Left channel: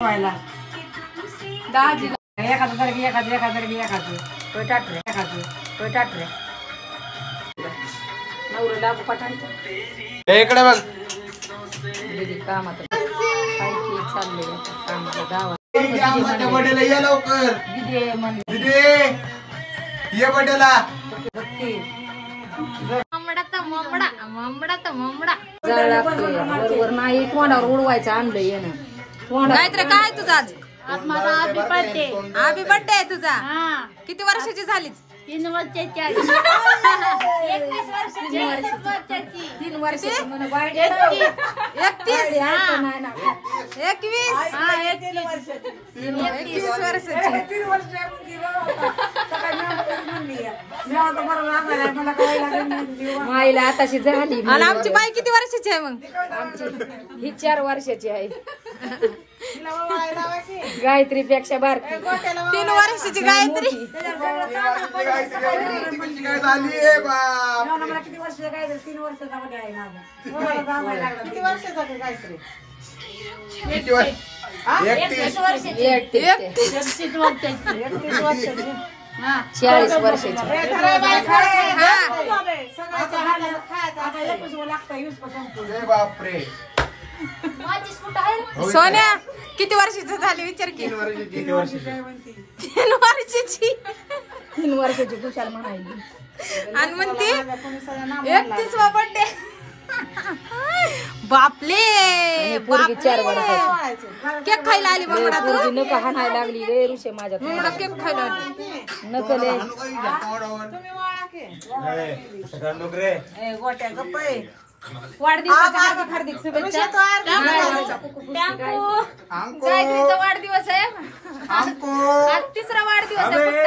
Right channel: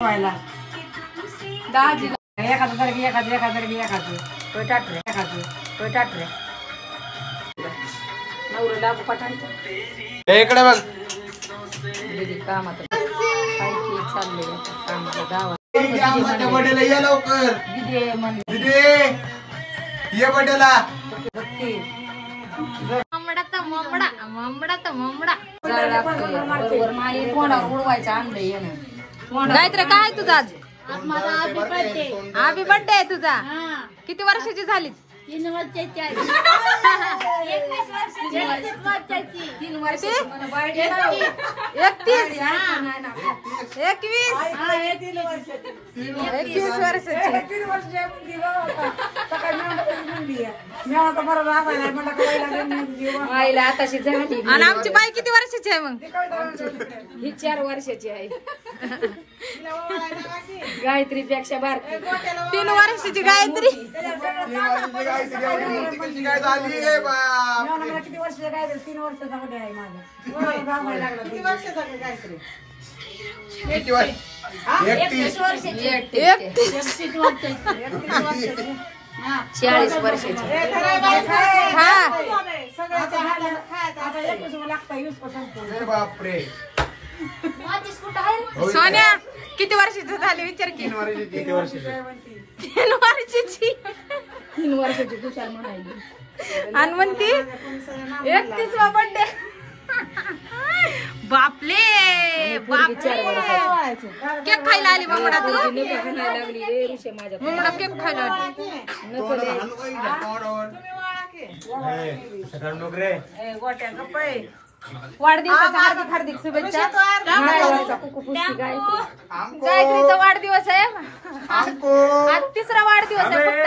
व्हायला दाजीला एखादं तर एखादं तो टाटरे नवरं लागू पठायचं इकडे बघ दीदी कामात काय की चाललंय कामाला गावात बर्थडेला ये लवकर दीदी म्हण दीदी ये बर्थडेला नाही कोणावर उडवायचं आणलं येणं गायत्री काय तुझा आज माझा हॅपी बर्थडे हॅपी बर्थडे आहे तुझा किती वर्षाची झालीच 3 वर्षाची आहे 3 वर्षाची म्हणून 31 21 वर्षाची 3 वर्ष आईला आताशी झाली आणि आमची बाई किती वर्षाची आहे मग ही 4 वर्षाची आहे गायत्री पेक्षा बारकी 3 वर्षाची गायत्री मला किती वर्ष गायत्री 3 वर्षाचा मध्ये आहे माझं किती वर्षाचा गायत्री 31 वर्षाची 40 वर्षाची बापरे सोन्या किती वर्षाची झाली विचार की 3 वर्षाची 3 वर्षाची 3 वर्षाची कुशाल म्हणायची आणि म्हणती 31वा बर्थडे बापले पोरगी 4 वर्षाची केक खायला आली मग तू नको हाणायला लागली रे ऋषे माझ्या मग केक खायला आली नको रे वाढदिवसाच्या हार्दिक हार्दिक शुभेच्छा गायत्रीचा वाढदिवस आहे आज 3रा वाढदिवस आहे फक्त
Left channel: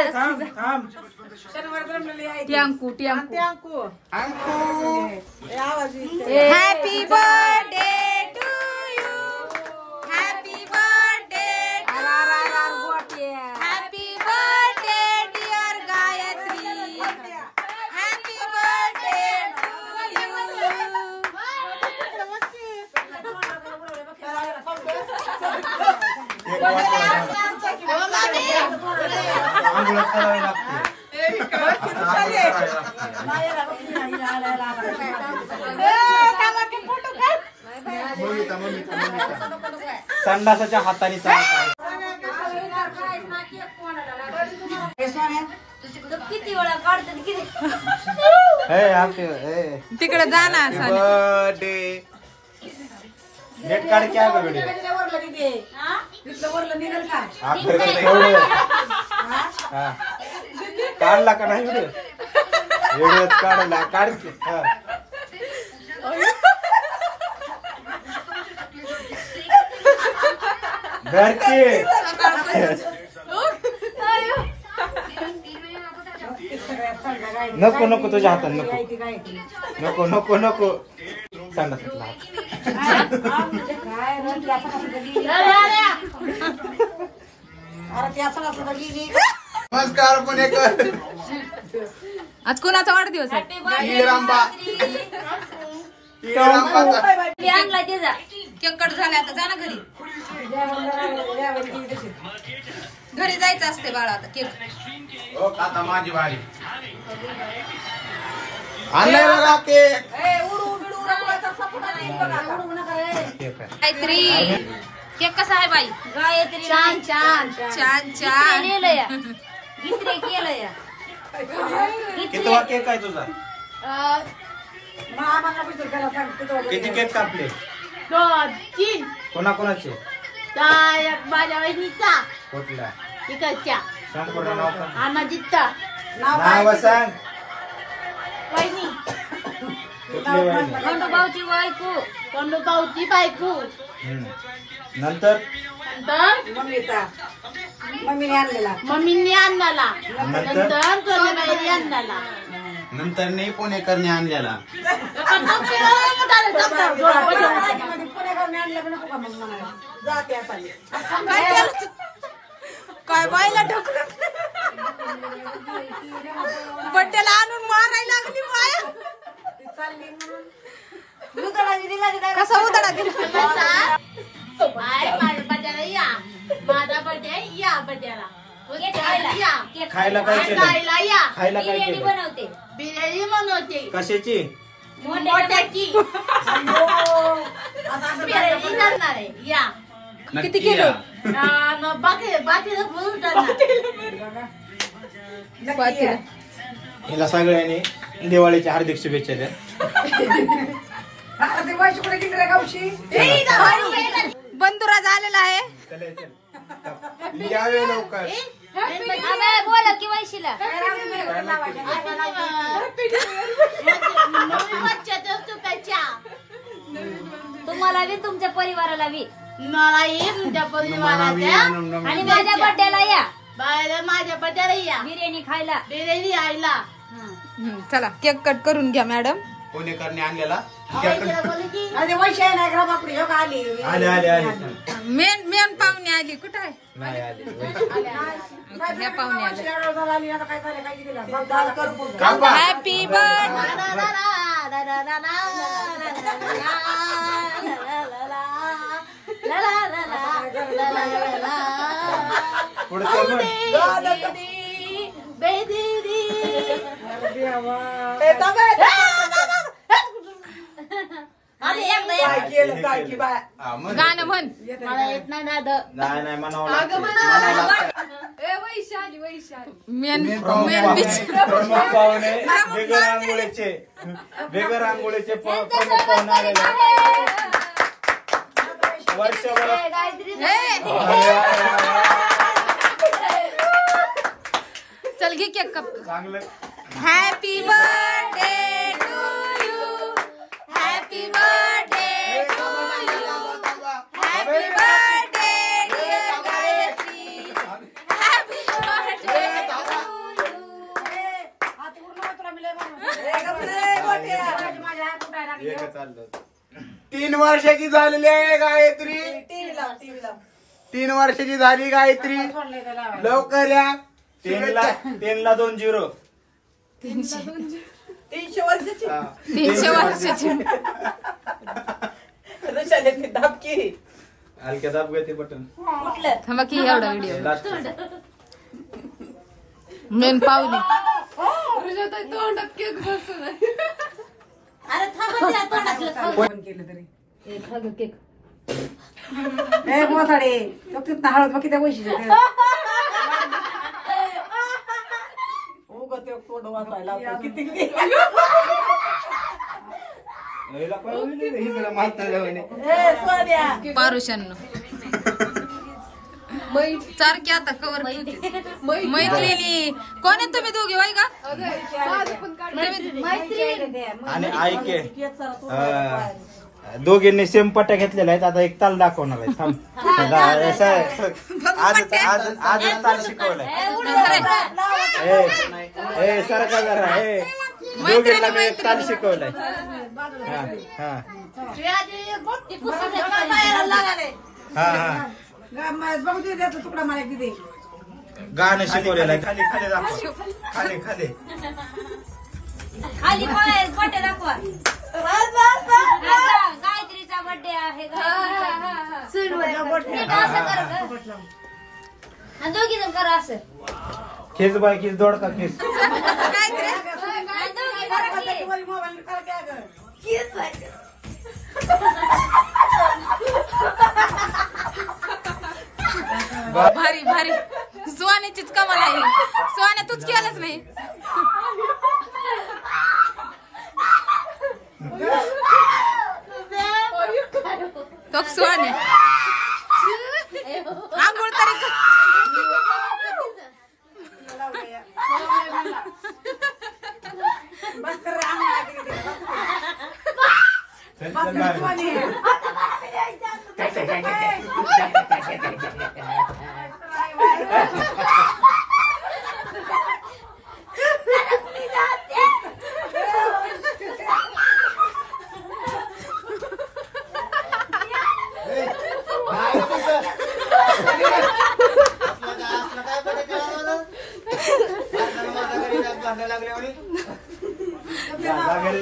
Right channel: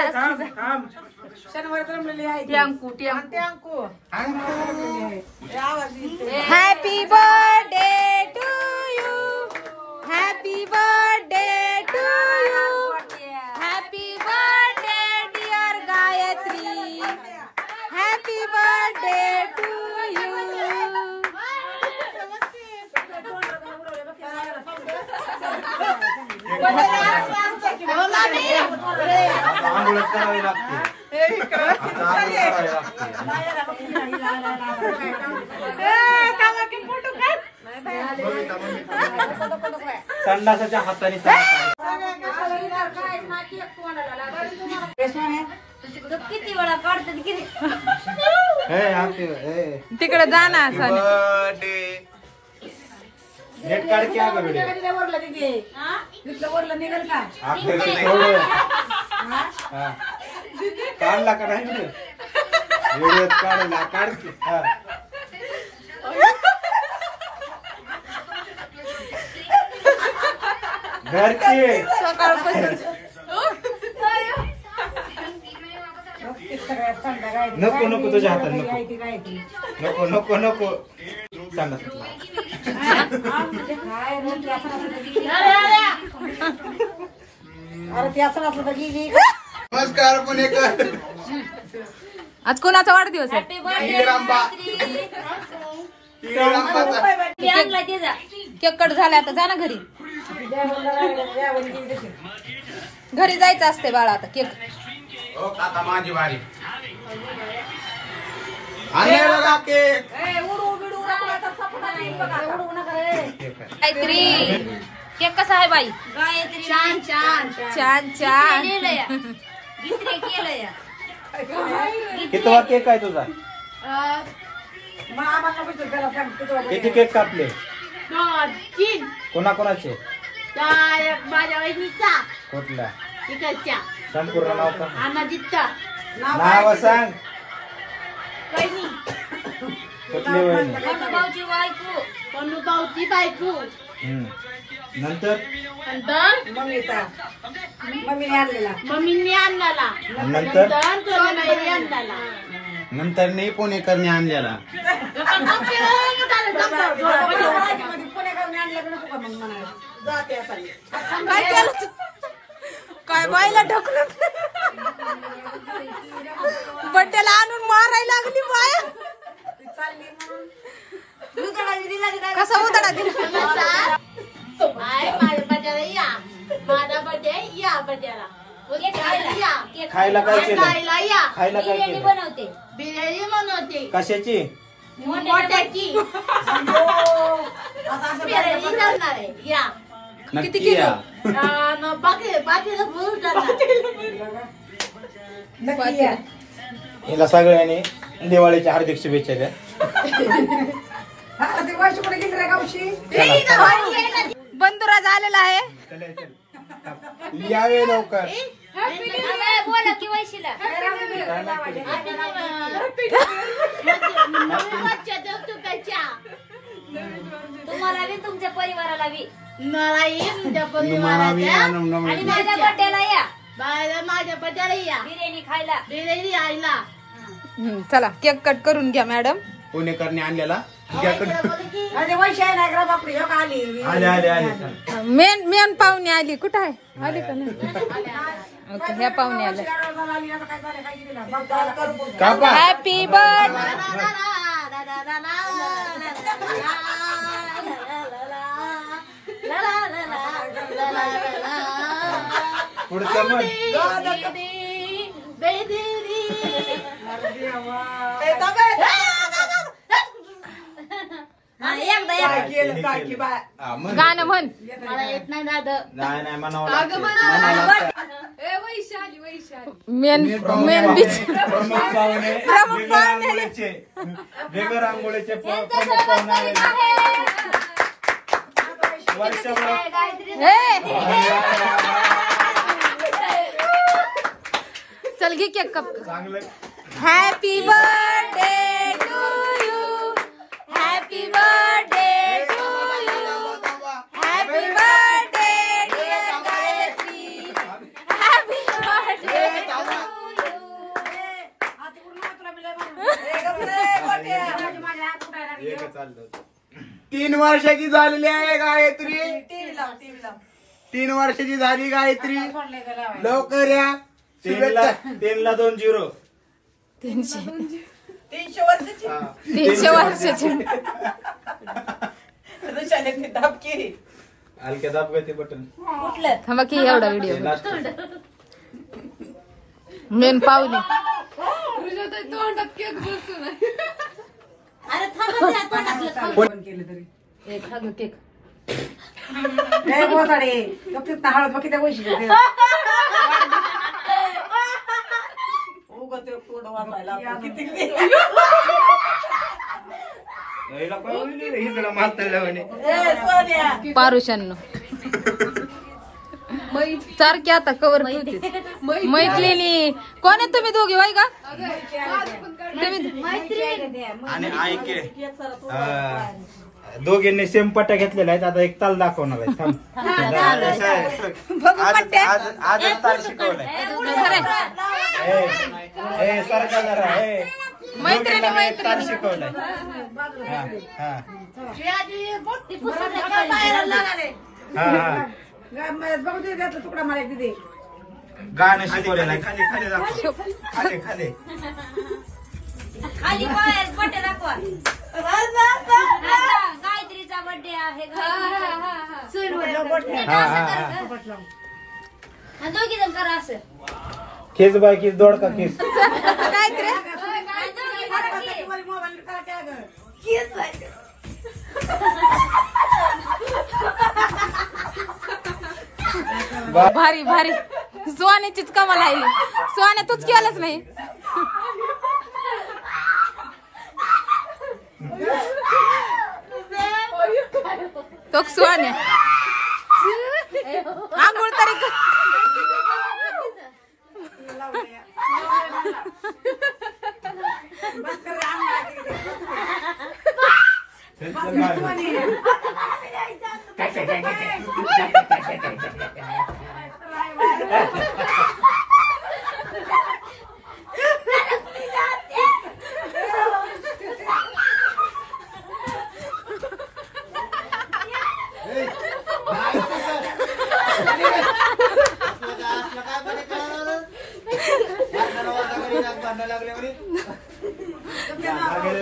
happy birthday to you happy birthday to you happy birthday dear Gayatri happy birthday to you संडासाच्या हाताने किती वेळा काढतात किती तिकडे जा ना सोन्या नेट काढ क्या करूडे काढला का नाही व्हिडिओ काढला काढ घरची नको नको तुझ्या हातात नको नको नको नको सांगा नमस्कार पुणेकर आज कोणाचा वाढदिवस आहे केक कट झाला आता जा ना घरी घरी जायचं असते बाळा आता केक आता माझी वारी आणलाय बघा केक गायत्री केक कसा आहे बाई गायत्री छान छान छान छान केलंय किती केक आहे तुझा किती केक कापले 2 कोणाकोणाचे माझ्या वहिनीचा कुठला इकडच्या सांग पूर्ण नाव का अनाजितचा नाव सांग वहिनी कुठली वहिनी भाऊची बायको भाऊची बायको नंतर मम्मीने आणला नंतर सोन्याबाईने आणला नंतर नाही पुणेकरने आणलेला काय केलं काय बाईला ढकलून बड्डेला आणून मारायला लागली बाया कसा उतडा दिला माझ्या बड्याला या. माझा बड्डे या बड्याला. या. खायला काय केलं? खायला या. खायला काय केलं? बनवते बिर्याणी बनवते. कशाची? मोठ्याची बिर्याणी करणार आहे. या. नक्की या. बाकीला बोलून जाणार. हिला सगळ्यांनी दिवाळीच्या हार्दिक शुभेच्छा द्या. बंधुराज आलेला आहे. यावे लवकर. बोला की वैशीला तुम्हाला बी तुमच्या परिवाराला बी मला ये तुमच्या परिवाराच्या आणि माझ्या बड्डेला या. माझ्या बड्डेला या. बिर्याणी खायला. बिर्याणी आईला. चला केक कट करून घ्या मॅडम. पुणेकरने आणलेला आले आले आले. मेन मेन पाहुणे आली. कुठं आहे? ह्या पाहुणे आले. Happy birthday. पुढचं म्हण. हा, म्हण. गाणं म्हण. मला येत नाही दादा. नाही नाही म्हणावं लागतं. Main main beach. प्रमुख पाहुणे बेगर आंघोळीचे प्रमुख पाहुणे आलेले. वर्षभरात चल घे केक कप. चांगलं. Happy birthday to you. Happy birthday to you. Happy birthday dear Gayatri. Happy birthday to you. एक चालतं. 3 वर्षाची झालेली आहे गायत्री. 3 वर्षाची झाली गायत्री. लवकर या. 3ला 2 0. 300 वर्षाची. हलक्या दाब गती बटन. थांबा की एवढा व्हिडिओ. मेन पाहुणे. अरे थांबा केक. हळद बघ किती पैसे पारुशांनो सारखे आता कवर मैत्रिणी. कोण आहे तुम्ही दोघे? वाय का आणि ऐके दोघींनी सेम पट्ट्या घेतलेल्या आहेत. आता एक ताल दाखवणार आहे. आजच ताल शिकवलाय. मैत्रिणी मैत्रिणी शिकवलाय. बघू दे त्याचा तुकडा मला एक दे. गाणं शिकवलेलं आहे. खाली खाली दाखव. खाली खाली खाली बर्थडे दाखवा. गायत्रीचा बर्थडे आहे. दोघी जण करा असं. खेच बाय खेच दोडका खेच. भारी भारी. सोन्याचीच कमाल आहे. सोन्या तूच केलंच नाही. तो सोन्या आंघोळ तरी लागले